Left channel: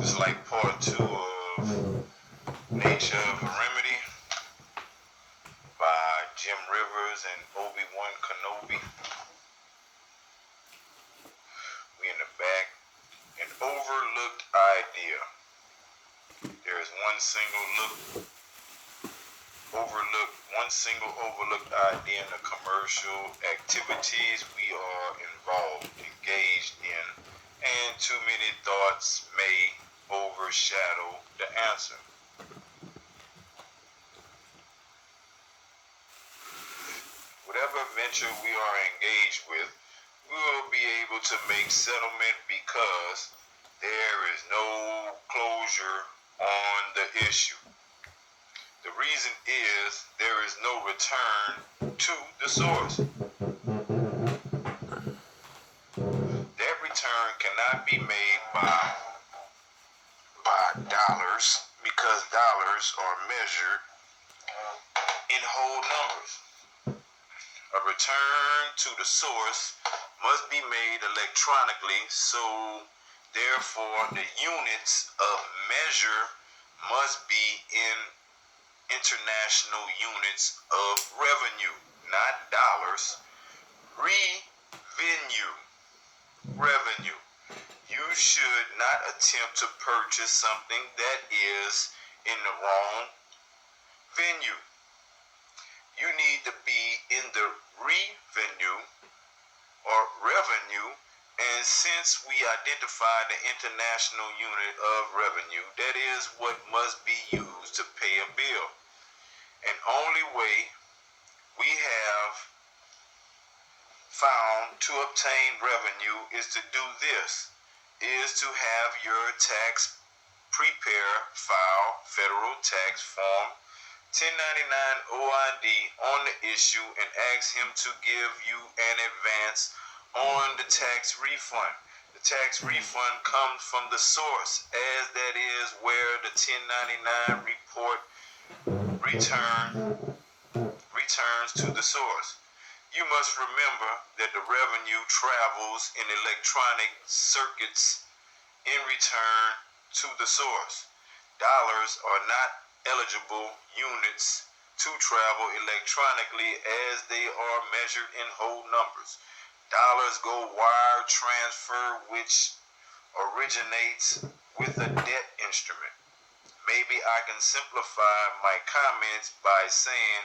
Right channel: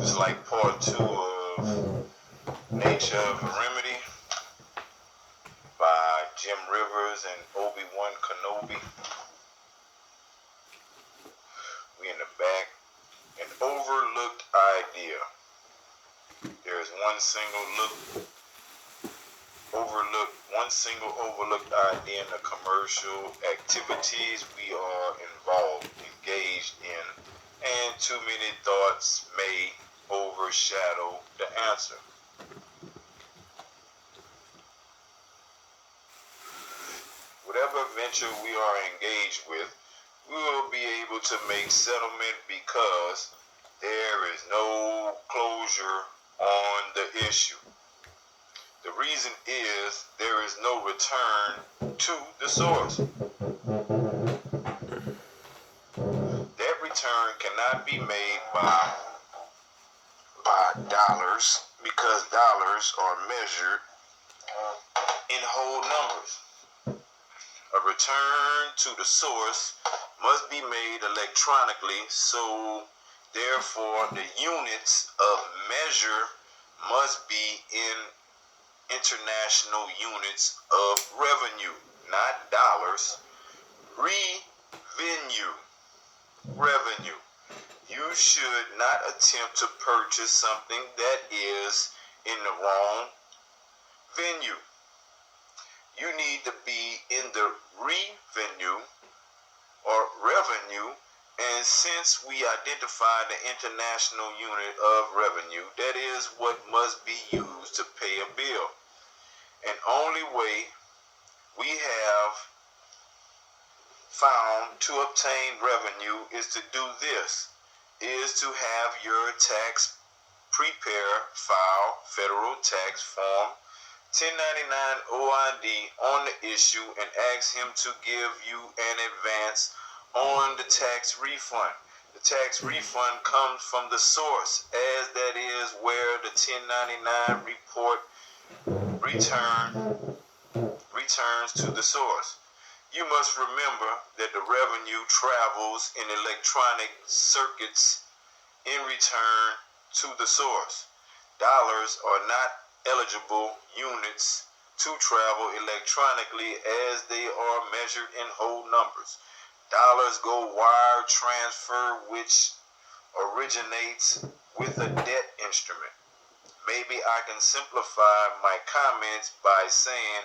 It's like part 2 of Nature of a Remedy by Jim Rivers and Obi-Wan Kenobi. We in the back. An overlooked idea. There is one single overlooked idea in the commercial activities we are engaged in, and too many thoughts may overshadow the answer. Whatever venture we are engaged with, we will be able to make settlement because there is no closure on the issue. The reason is there is no return to the source. That return cannot be made by dollars because dollars are measured in whole numbers. A return to the source must be made electronically, so therefore the units of measure must be in international units of revenue, not dollars. Revenue. You should not attempt to purchase something that is in the wrong venue. You need to be in the revenue or revenue, and since we identify the international unit of revenue, that is what must be used to pay a bill. And only way we have found to obtain revenue is to do this, is to have your tax preparer file federal tax form 1099 OID on the issue and ask him to give you an advance on the tax refund. The tax refund comes from the source, as that is where the 1099 report returns to the source. You must remember that the revenue travels in electronic circuits in return to the source. Dollars are not eligible units to travel electronically as they are measured in whole numbers. Dollars go wire transfer, which originates with a debt instrument. Maybe I can simplify my comments by saying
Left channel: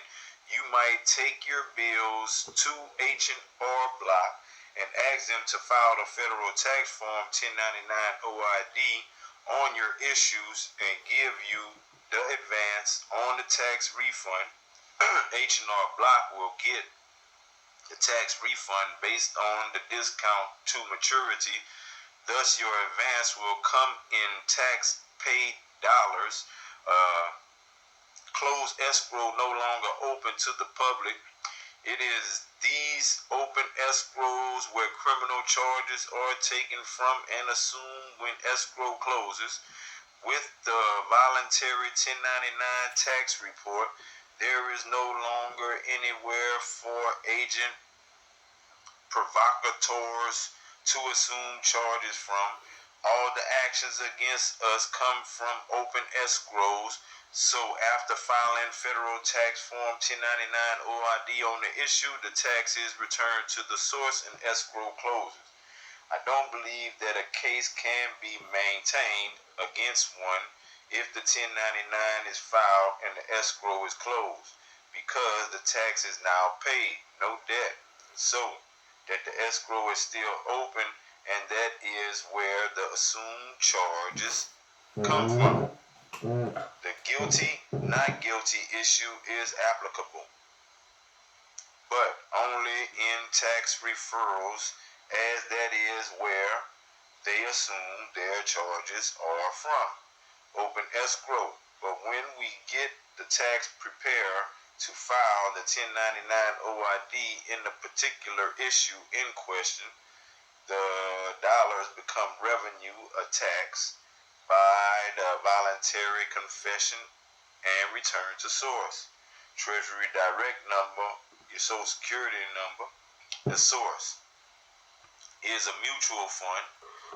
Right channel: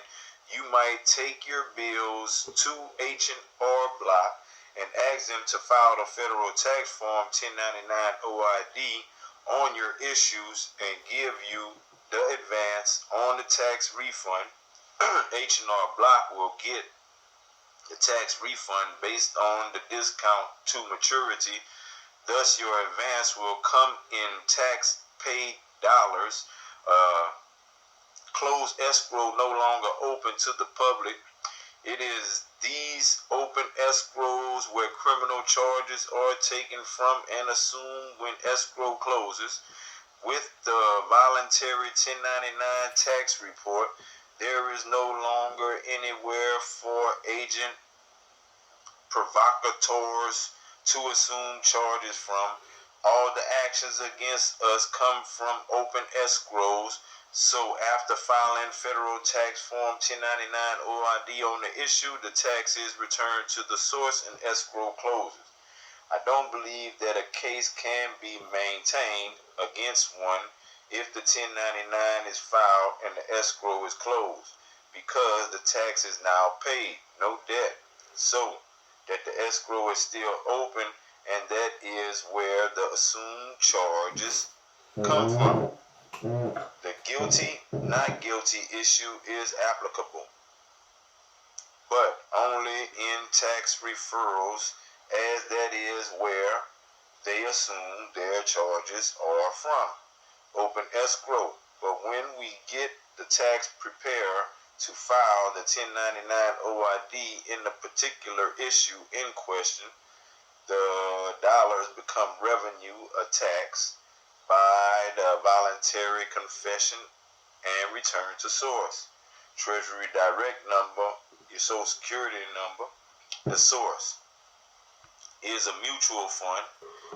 you might take your bills to H&R Block and ask them to file the federal tax form 1099 OID on your issues and give you the advance on the tax refund. H&R Block will get the tax refund based on the discount to maturity. Thus, your advance will come in tax paid dollars. Closed escrow no longer open to the public. It is these open escrows where criminal charges are taken from and assumed when escrow closes. With the voluntary 1099 tax report, there is no longer anywhere for agent provocateurs to assume charges from. All the actions against us come from open escrows. So after filing federal tax form 1099 OID on the issue, the tax is returned to the source and escrow closes. I don't believe that a case can be maintained against one if the 1099 is filed and the escrow is closed, because the tax is now paid, no debt. So that the escrow is still open, and that is where the assumed charges come from. The guilty, not guilty issue is applicable, but only in tax referrals, as that is where they assume their charges are from. Open escrow. But when we get the tax preparer to file the 1099 OID in the particular issue in question, the dollars become revenue, a tax by the voluntary confession and return to source. Treasury direct number, your social security number, the source. is a mutual fund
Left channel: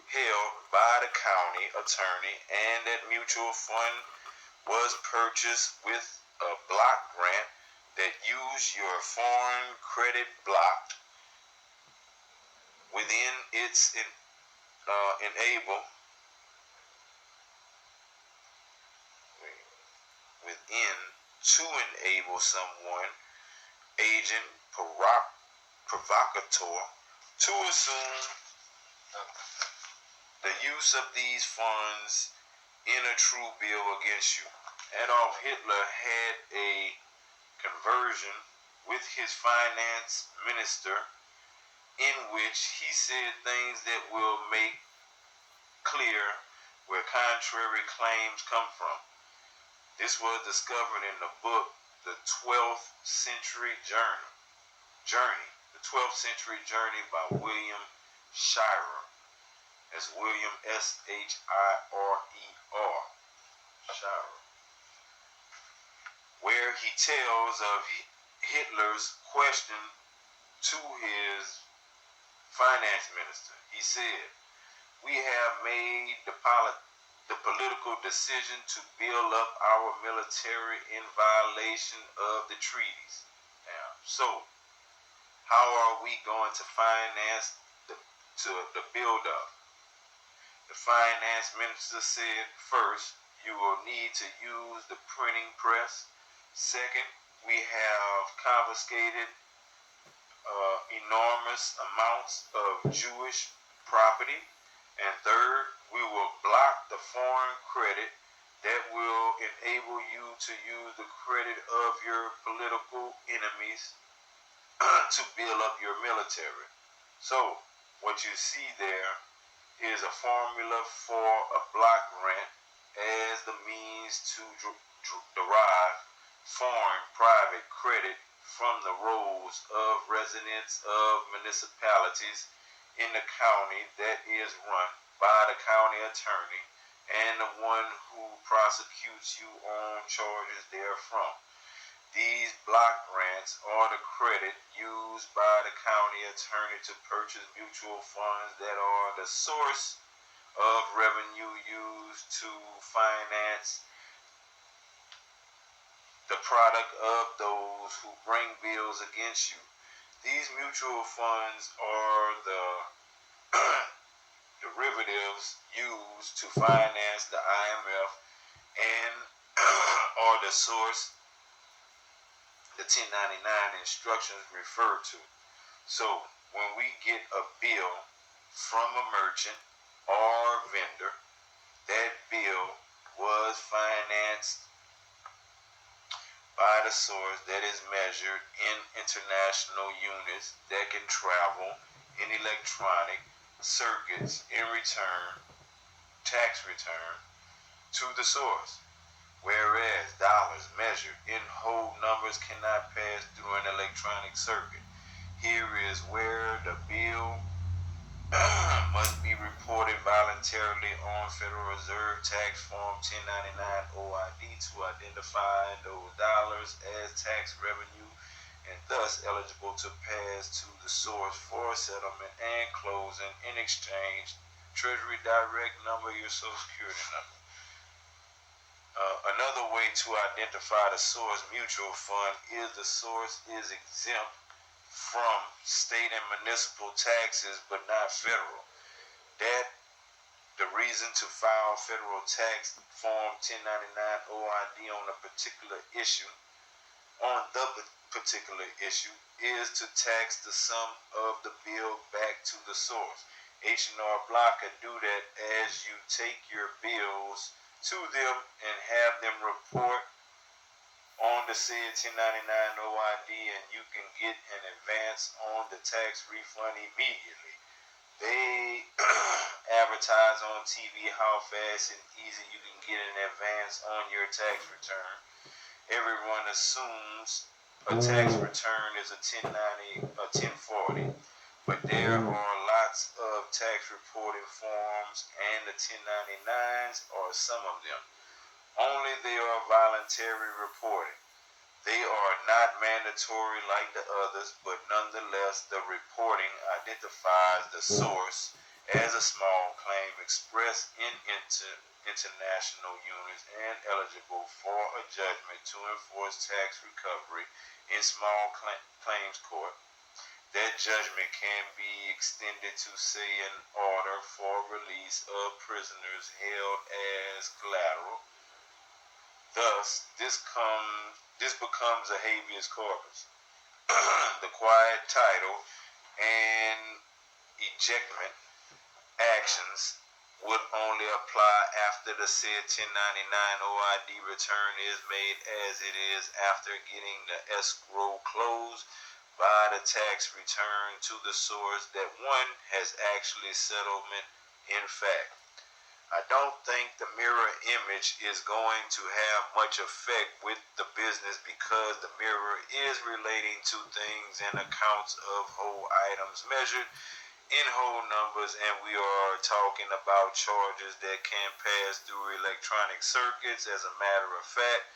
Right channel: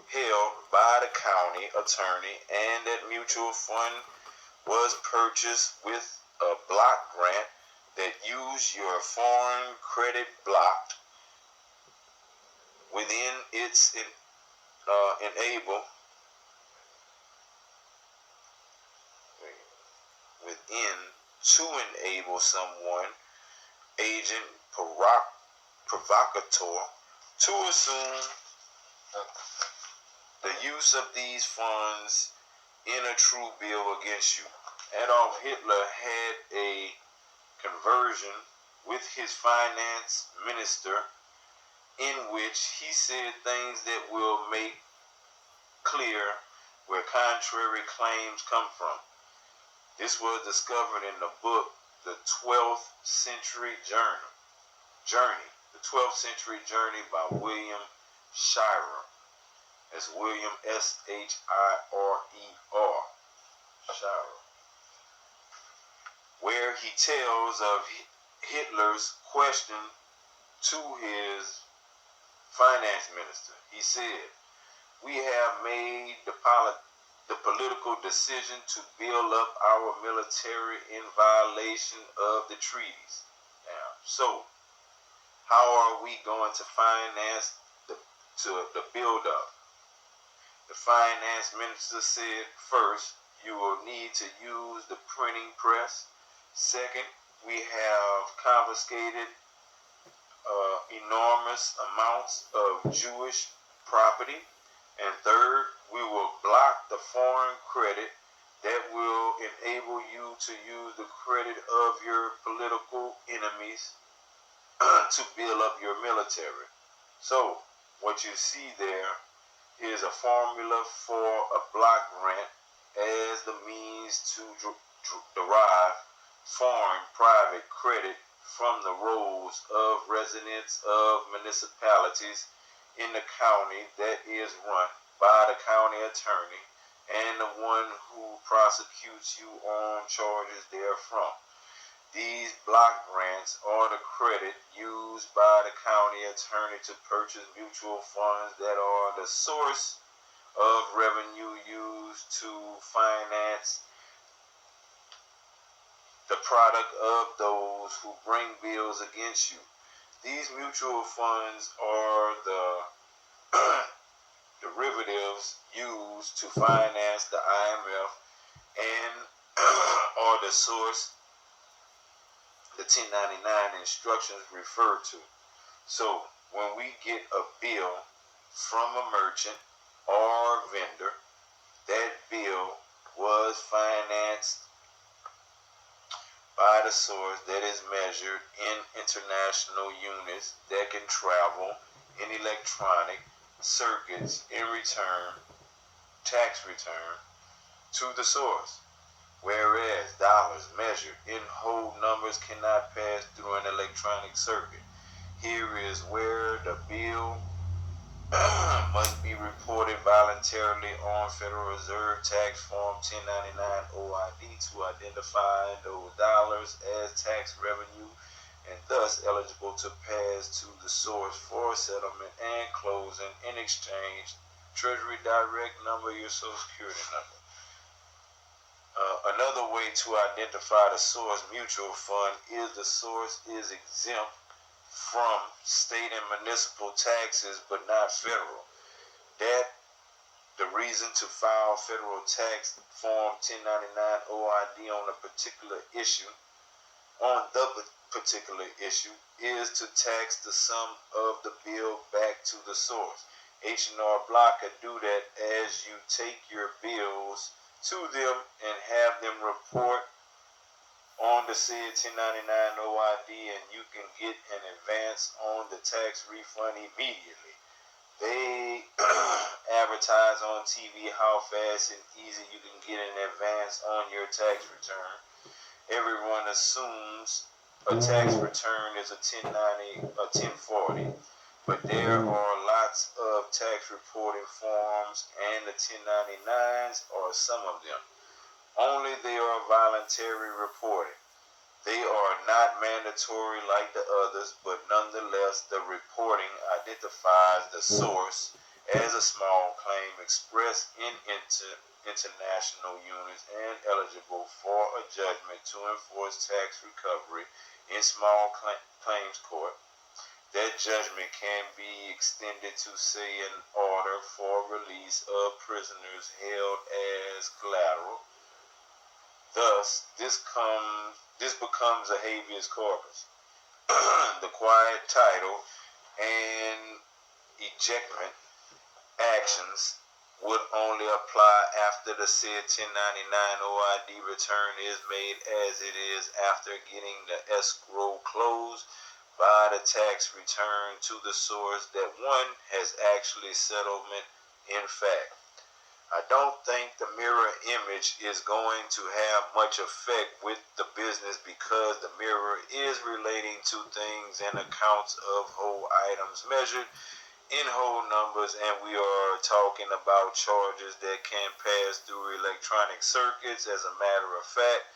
held by the county attorney, and that mutual fund was purchased with a block grant that used your foreign credit block within its enable within to enable someone agent provocateur to assume the use of these funds in a true bill against you. Adolf Hitler had a conversion with his finance minister in which he said things that will make clear where contrary claims come from. This was discovered in the book The 12th Century Journey. The 12th Century Journey by William Shirer. That's William Shirer. Shirer. Where he tells of Hitler's question to his finance minister. He said, "We have made the political decision to build up our military in violation of the treaties. Now, so how are we going to finance the build up?" The finance minister said, "First, you will need to use the printing press. Second, we have confiscated enormous amounts of Jewish property. And third, we will block the foreign credit that will enable you to use the credit of your political enemies to build up your military." So, what you see there is a formula for a block grant as the means to derive foreign private credit from the rolls of residents of municipalities in the county that is run by the county attorney and the one who prosecutes you on charges therefrom. These block grants are the credit used by the county attorney to purchase mutual funds that are the source of revenue used to finance the product of those who bring bills against you. These mutual funds are the derivatives used to finance the IMF and are the source the 1099 instructions refer to. So when we get a bill from a merchant or vendor, that bill was financed by the source that is measured in international units that can travel in electronic circuits in tax return to the source. Whereas dollars measured in whole numbers cannot pass through an electronic circuit. Here is where the bill must be reported voluntarily on Federal Reserve Tax Form 1099 OID to identify those dollars as tax revenue and thus eligible to pass to the source for settlement and closing. In exchange, Treasury Direct number, your Social Security number. Another way to identify the source mutual fund is the source is exempt from state and municipal taxes but not federal. That the reason to file federal tax form 1099 OID on the particular issue is to tax the sum of the bill back to the source. H&R Block can do that as you take your bills to them and have them report on the said 1099 OID, and you can get an advance on the tax refund immediately. They advertise on TV how fast and easy you can get an advance on your tax return. Everyone assumes a tax return is a 1090, a 1040, but there are lots of tax reporting forms, and the 1099s are some of them. Only they are voluntary reporting. They are not mandatory like the others, but nonetheless, the reporting identifies classifies the source as a small claim expressed in international units and eligible for a judgment to enforce tax recovery in small claims court. That judgment can be extended to, say, an order for release of prisoners held as collateral. Thus, this becomes a habeas corpus. The quiet title and ejectment actions would only apply after the said 1099 OID return is made, as it is after getting the escrow closed by the tax return to the source that one has actually settlement in fact. I don't think the mirror image is going to have much effect with the business because the mirror is relating to things and accounts of whole items measured in whole numbers, and we are talking about charges that can pass through electronic circuits as a matter of fact.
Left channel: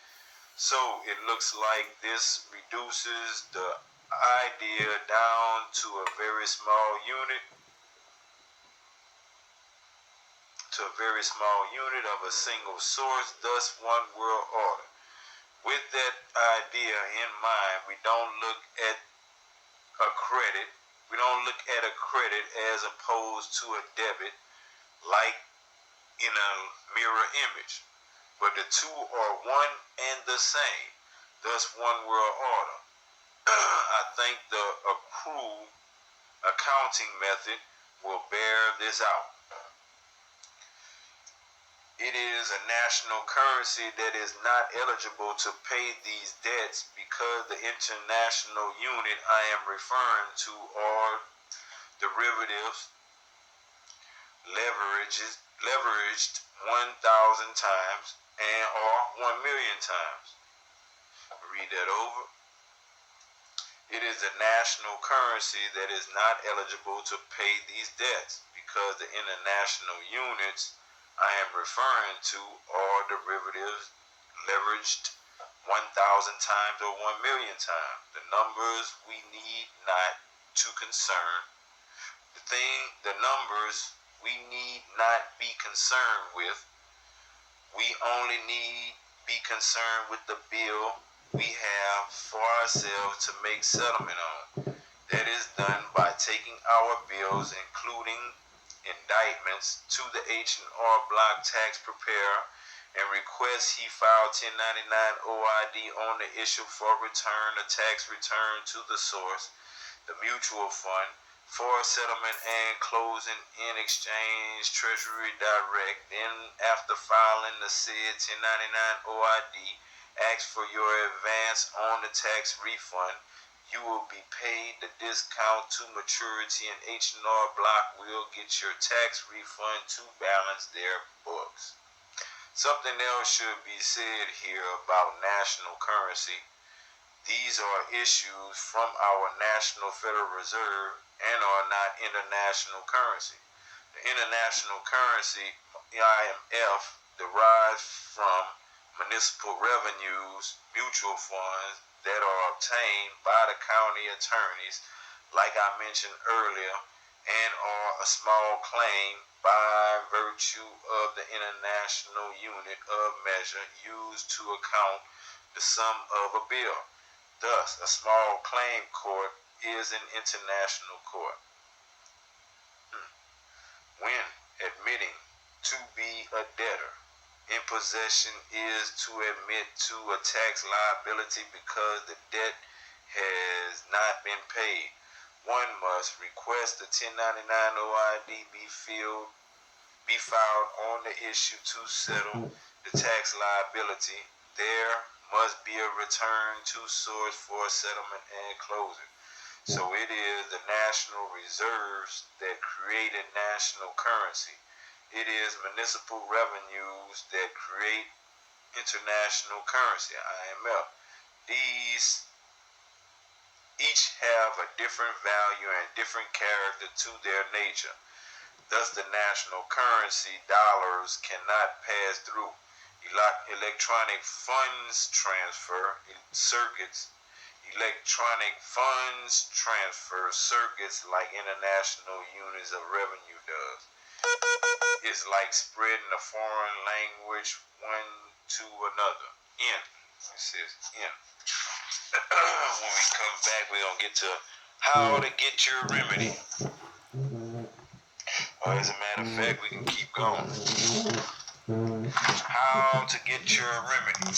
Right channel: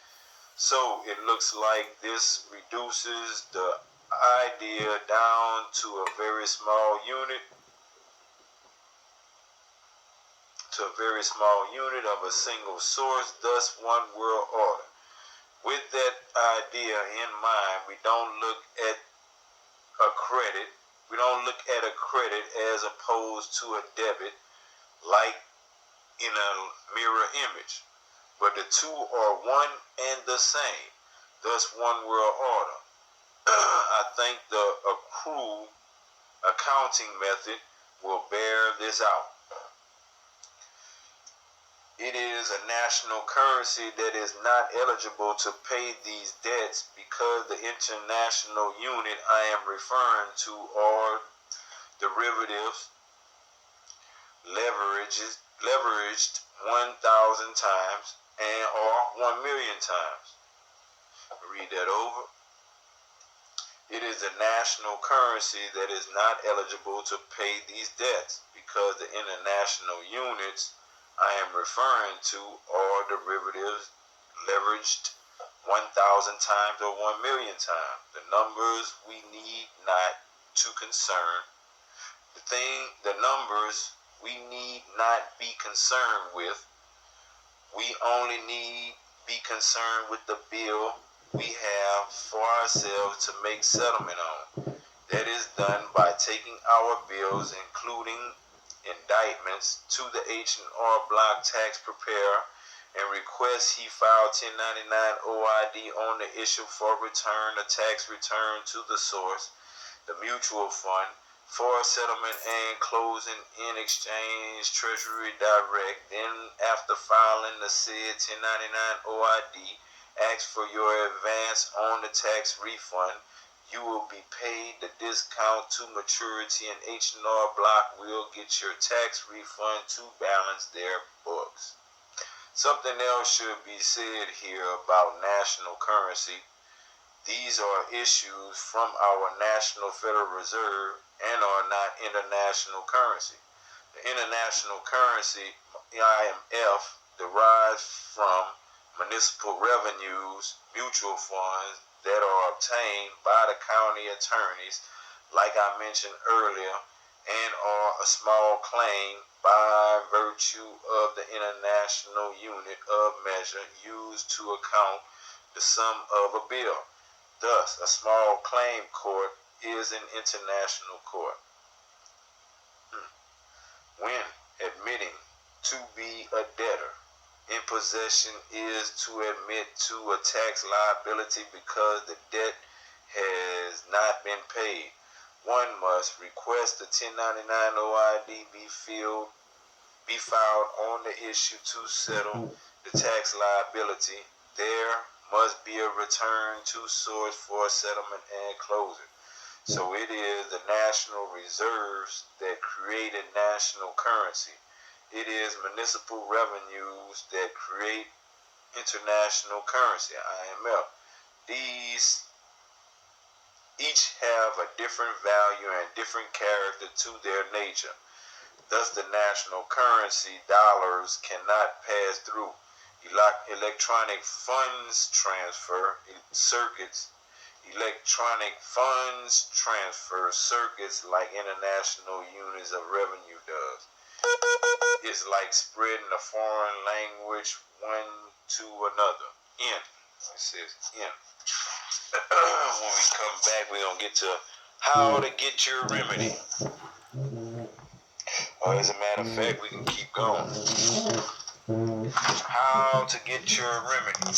So it looks like this reduces the idea down to a very small unit of a single source, thus one world order. With that idea in mind, we don't look at a credit as opposed to a debit like in a mirror image, but the two are one and the same, thus one world order. I think the accrued accounting method will bear this out. It is a national currency that is not eligible to pay these debts because the international unit I am referring to are derivatives leveraged 1,000 times and or 1,000,000 times. Read that over. It is a national currency that is not eligible to pay these debts because the international units I am referring to are derivatives leveraged 1,000 times or 1,000,000 times. The numbers we need not to concern. The numbers we need not be concerned with. We only need be concerned with the bill we have for ourselves to make settlement on. That is done by taking our bills, including indictments, to the H&R Block tax preparer and request he file 1099 OID on the issue for return, a tax return to the source, the mutual fund, for settlement and closing in exchange Treasury Direct. Then after filing the said 1099 OID, ask for your advance on the tax refund. You will be paid the discount to maturity, and H&R Block will get your tax refund to balance their books. Something else should be said here about national currency. These are issues from our National Federal Reserve and are not international currency. The international currency, IMF, derives from municipal revenues, mutual funds that are obtained by the county attorneys, like I mentioned earlier, and are a small claim by virtue of the international unit of measure used to account the sum of a bill. Thus, a small claim court is an international court. When admitting to be a debtor in possession is to admit to a tax liability because the debt has not been paid. One must request the 1099 OID be filed on the issue to settle the tax liability. There must be a return to source for settlement and closing. So it is the national reserves that created national currency. It is municipal revenues that create international currency, IMF. These each have a different value and different character to their nature. Thus, the national currency, dollars, cannot pass through electronic funds transfer circuits electronic funds transfer circuits like international units of revenue does. It's like spreading a foreign language one to another. It says N. When we come back, we're going to get to how to get your remedy. Or as a matter of fact, we can keep going. How to get your remedy.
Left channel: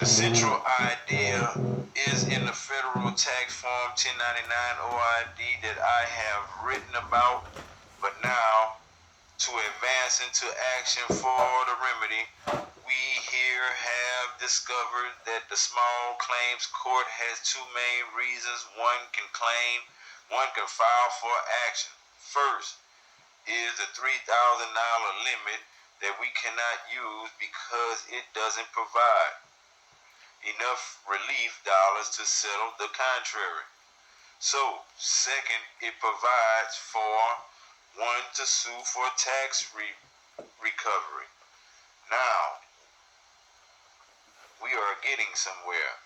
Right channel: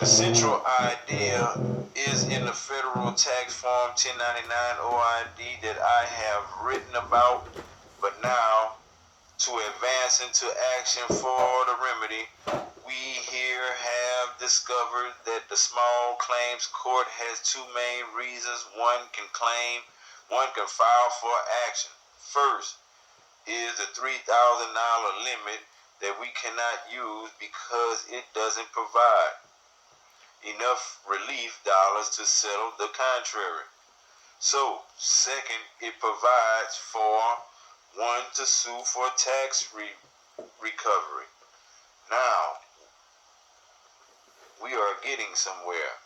The central idea is in the federal tax form 1099 OID that I have written about, but now to advance into action for the remedy, we here have discovered that the small claims court has two main reasons one can file for action. First is the $3,000 limit that we cannot use because it doesn't provide enough relief dollars to settle the contrary. So, second, it provides for one to sue for tax recovery. Now, we are getting somewhere.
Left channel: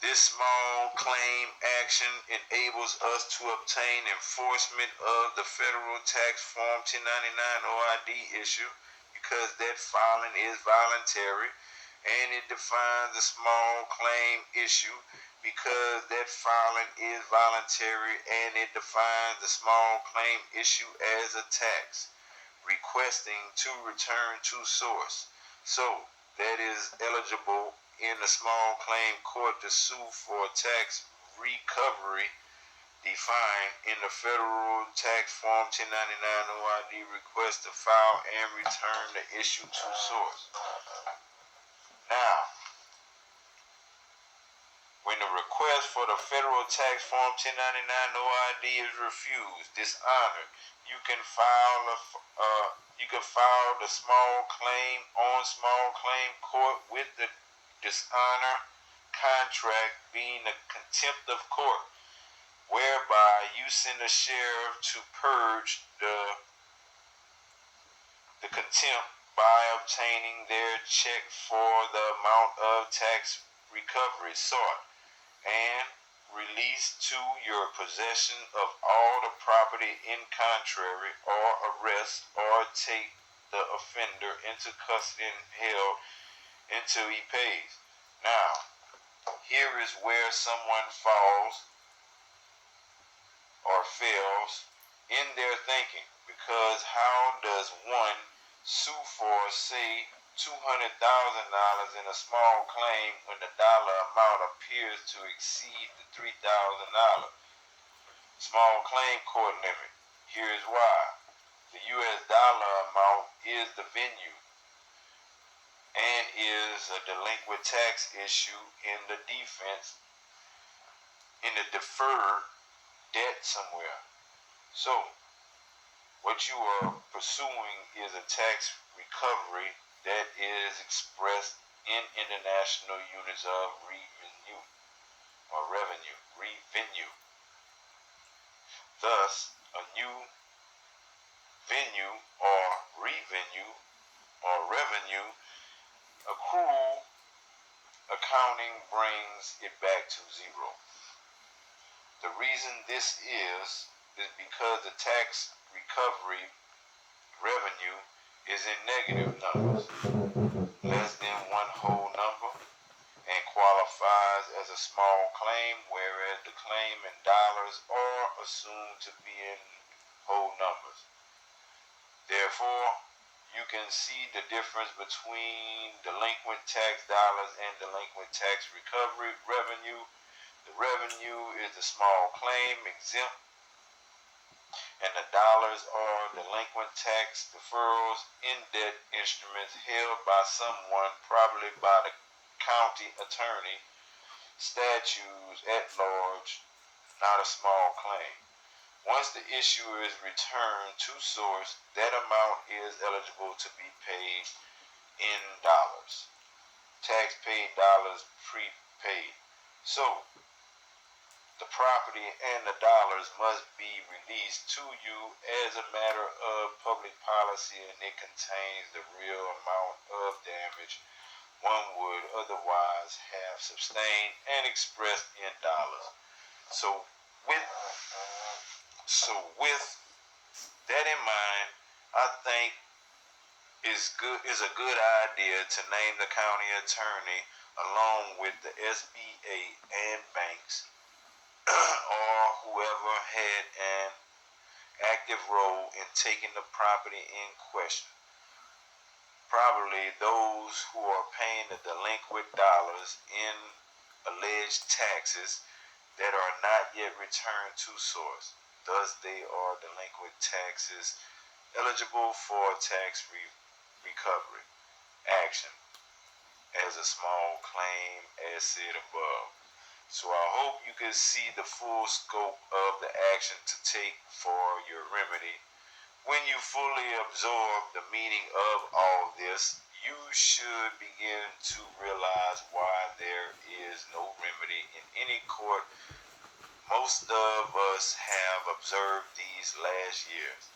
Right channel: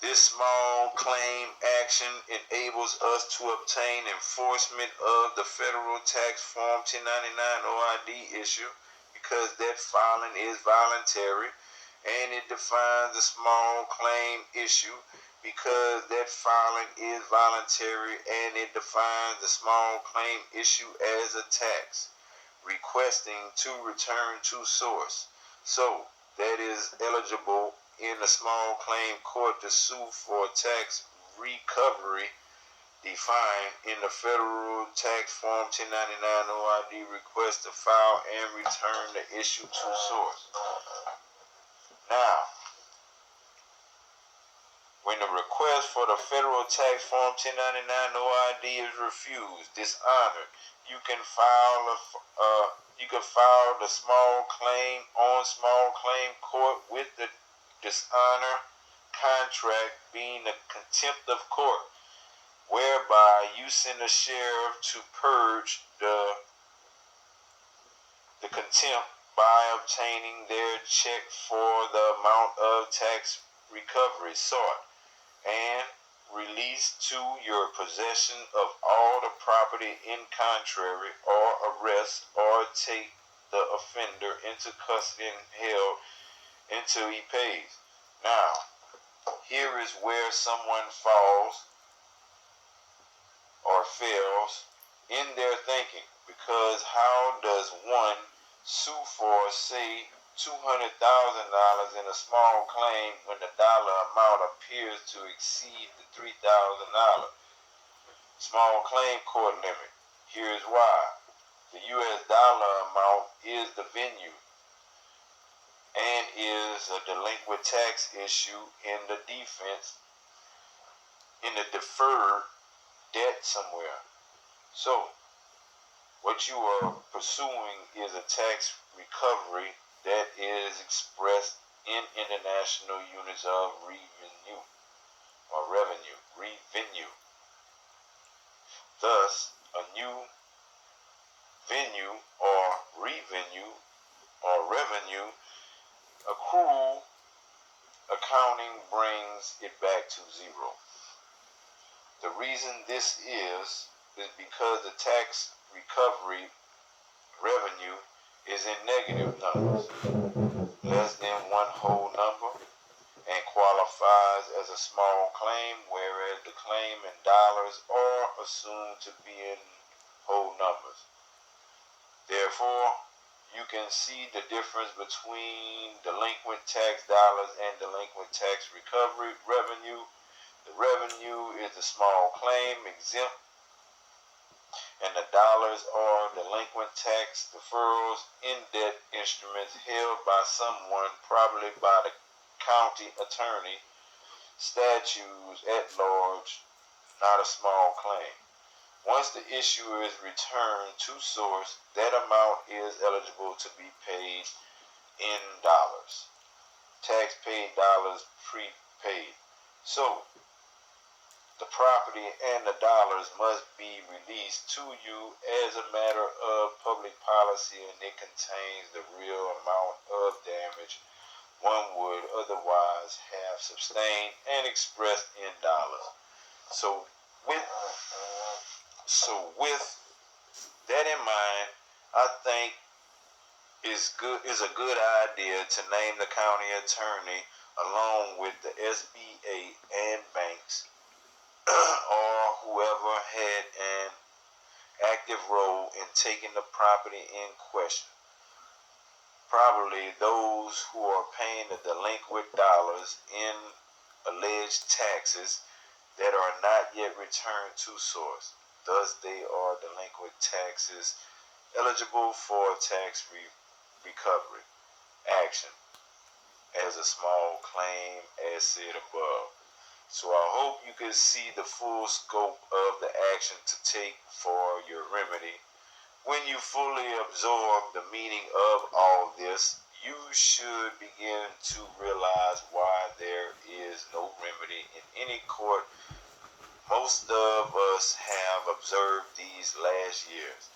This small claim action enables us to obtain enforcement of the federal tax form 1099 OID issue because that filing is voluntary, and it defines the small claim issue because that filing is voluntary, and it defines the small claim issue as a tax requesting to return to source. So that is eligible in a small claim court to sue for tax recovery defined in the federal tax form 1099 OID request to file and return the issue to source. Now, when the request for the federal tax form 1099 OID is refused, dishonored, you can file the small claim on small claim court with the dishonor contract being a contempt of court, whereby you send a sheriff to purge the contempt by obtaining their check for the amount of tax recovery sought and release to your possession of all the property in contrary, or arrest or take the offender into custody and held until he pays. Now, here is where someone falls or fails in their thinking, because how does one sue for, say, $200,000 in a small claim when the dollar amount appears to exceed the $3,000 small claim court limit? Here is why. The US dollar amount is the venue and is a delinquent tax issue in the defense, in the deferred debt somewhere. So, what you are pursuing is a tax recovery that is expressed in international units of revenue. Thus, a new venue or revenue or revenue accrual accounting brings it back to zero. The reason this is because the tax recovery revenue is in negative numbers, less than one whole number, and qualifies as a small claim, whereas the claim in dollars are assumed to be in whole numbers. Therefore, you can see the difference between delinquent tax dollars and delinquent tax recovery revenue. The revenue is the small claim exempt, and the dollars are delinquent tax deferrals in debt instruments held by someone, probably by the county attorney, statutes at large, not a small claim. Once the issue is returned to source, that amount is eligible to be paid in dollars. Tax paid dollars prepaid. So, the property and the dollars must be released to you as a matter of public policy, and it contains the real amount of damage one would otherwise have sustained and expressed in dollars. So with with that in mind, I think is a good idea to name the county attorney along with the SBA and banks or whoever had an active role in taking the property in question. Probably those who are paying the delinquent dollars in alleged taxes that are not yet returned to source. Thus, they are delinquent taxes eligible for tax recovery action as a small claim as said above. So I hope you can see the full scope of the action to take for your remedy. When you fully absorb the meaning of all this, you should begin to realize why there is no remedy in any court most of us have observed these last years.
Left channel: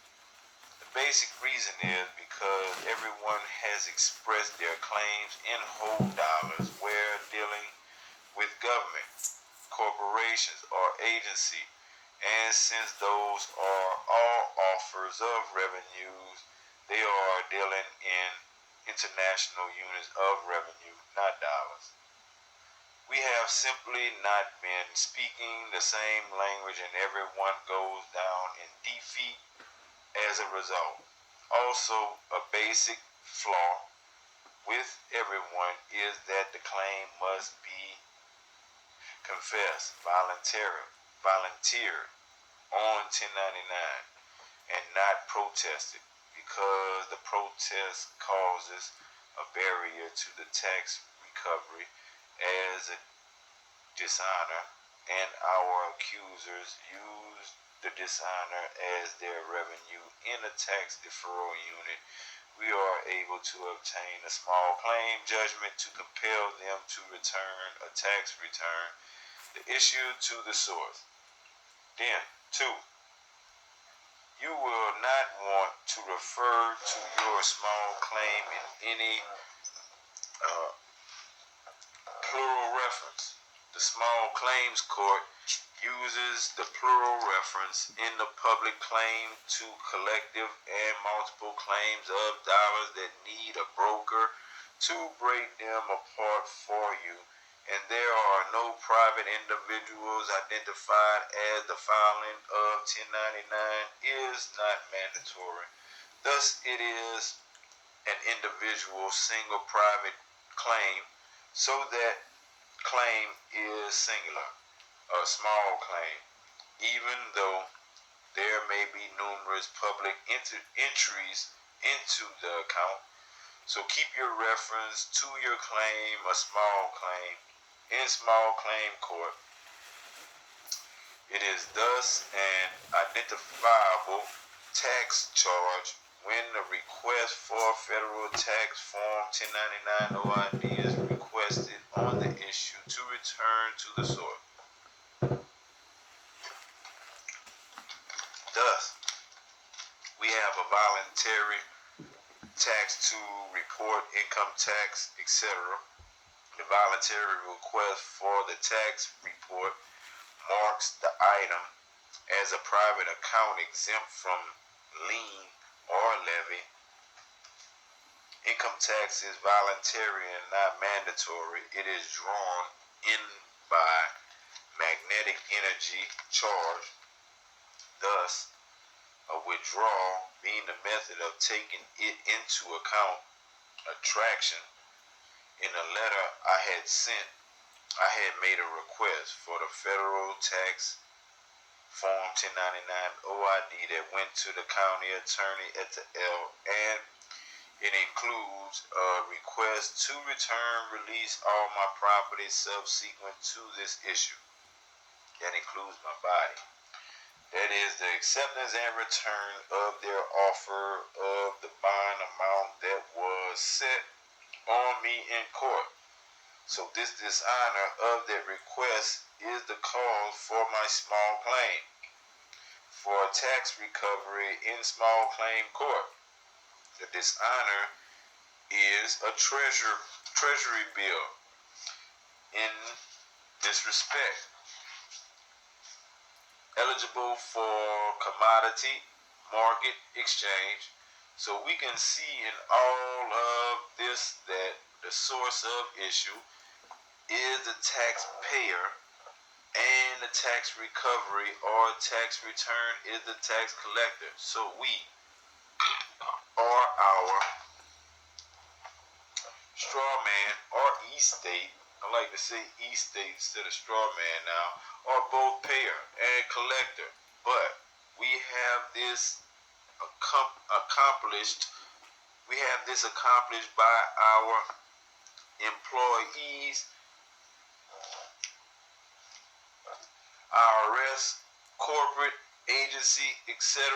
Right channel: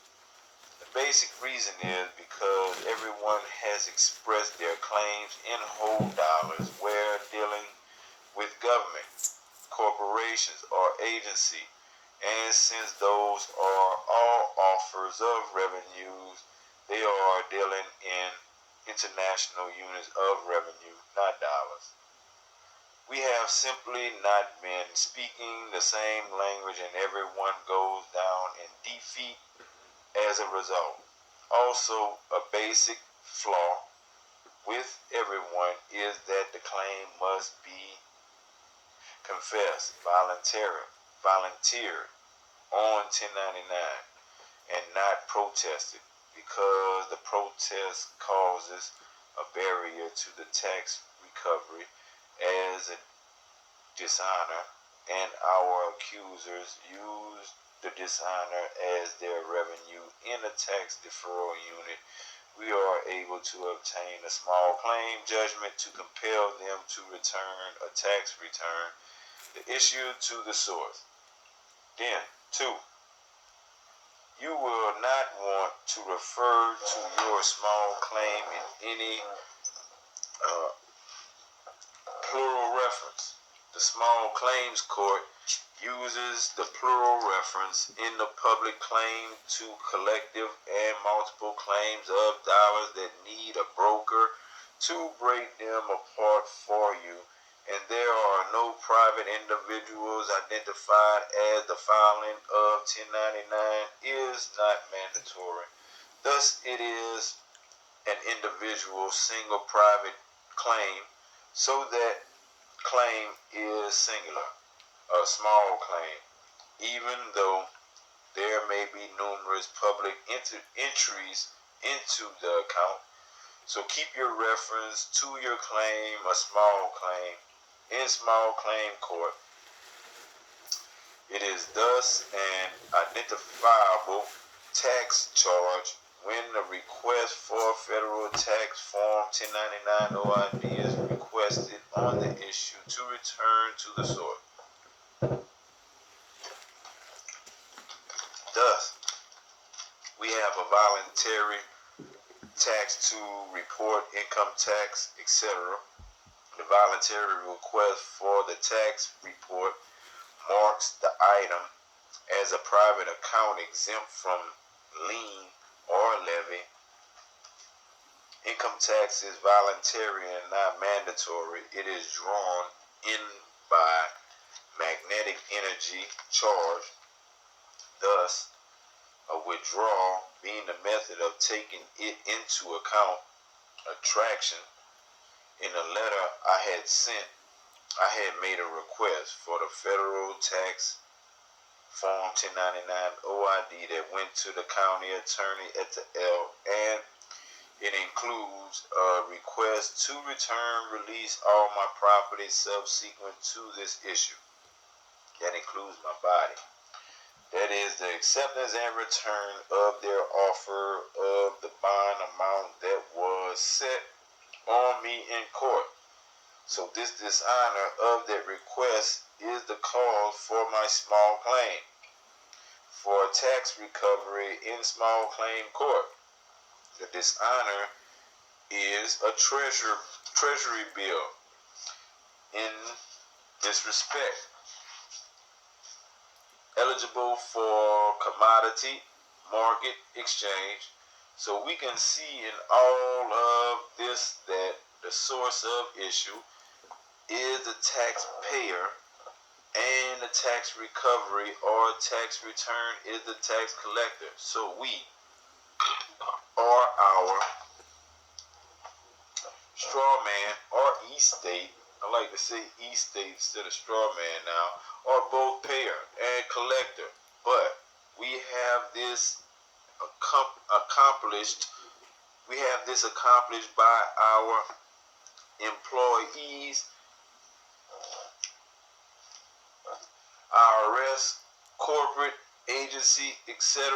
The basic reason is because everyone has expressed their claims in whole dollars where dealing with government, corporations, or agency, and since those are all offers of revenues, they are dealing in international units of revenue, not dollars. We have simply not been speaking the same language and everyone goes down in defeat as a result. Also, a basic flaw with everyone is that the claim must be confessed, volunteered on 1099 and not protested because the protest causes a barrier to the tax recovery as a dishonor, and our accusers use the dishonor as their revenue in a tax deferral unit. We are able to obtain a small claim judgment to compel them to return a tax return, the issue to the source. Then, 2. You will not want to refer to your small claim in any plural reference. The small claims court uses the plural reference in the public claim to collective and multiple claims of dollars that need a broker to break them apart for you, and there are no private individuals identified as the filing of 1099 is not mandatory. Thus, it is an individual single private claim, so that claim is singular, a small claim, even though there may be numerous public entries into the account. So keep your reference to your claim, a small claim, in small claim court. It is thus an identifiable tax charge when the request for federal tax form 1099 OID is requested on the issue to return to the source. Thus, we have a voluntary tax to report income tax, etc. The voluntary request for the tax report marks the item as a private account exempt from lien or levy. Income tax is voluntary and not mandatory. It is drawn in by magnetic energy charge. Thus, a withdrawal being the method of taking it into account. Attraction. In a letter I had sent, I had made a request for the federal tax form 1099 OID that went to the county attorney at the L, and it includes a request to release all my property subsequent to this issue. That includes my body. That is the acceptance and return of their offer of the bond amount that was set on me in court. So this dishonor of that request is the cause for my small claim for tax recovery in small claim court. The dishonor is a treasury bill in this respect, eligible for commodity market exchange. So we can see in all of this that the source of issue is the taxpayer, and the tax recovery or tax return is the tax collector. So we are our straw man or e-state. I like to say e-state instead of straw man now, are both payer and collector. But we have this accomplished. We have this accomplished by our employees, IRS, corporate agency, etc.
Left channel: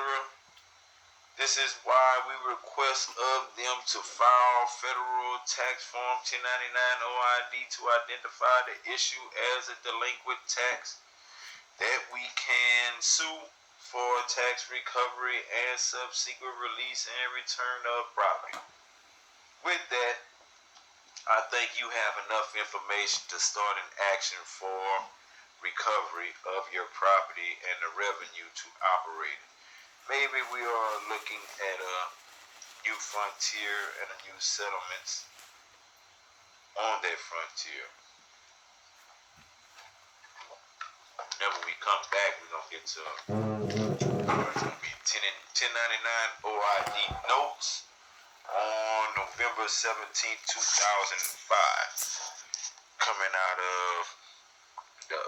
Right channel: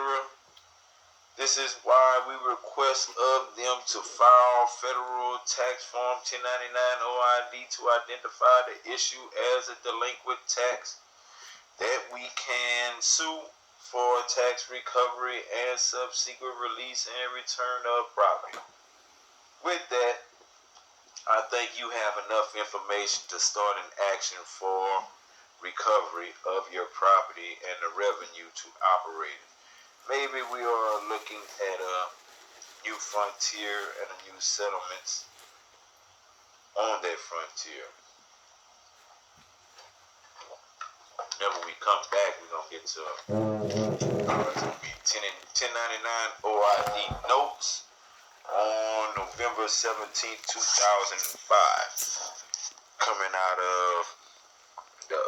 This is why we request of them to file federal tax form 1099 OID to identify the issue as a delinquent tax, that we can sue for tax recovery and subsequent release and return of property. With that, I think you have enough information to start an action for recovery of your property and the revenue to operate it. Maybe we are looking at a new frontier and a new settlements on that frontier. Whenever we come back, we're going to get to 1099 OID notes on November 17th, 2005. Coming out of the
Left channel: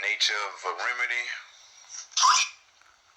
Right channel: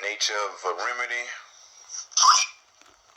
nature of a remedy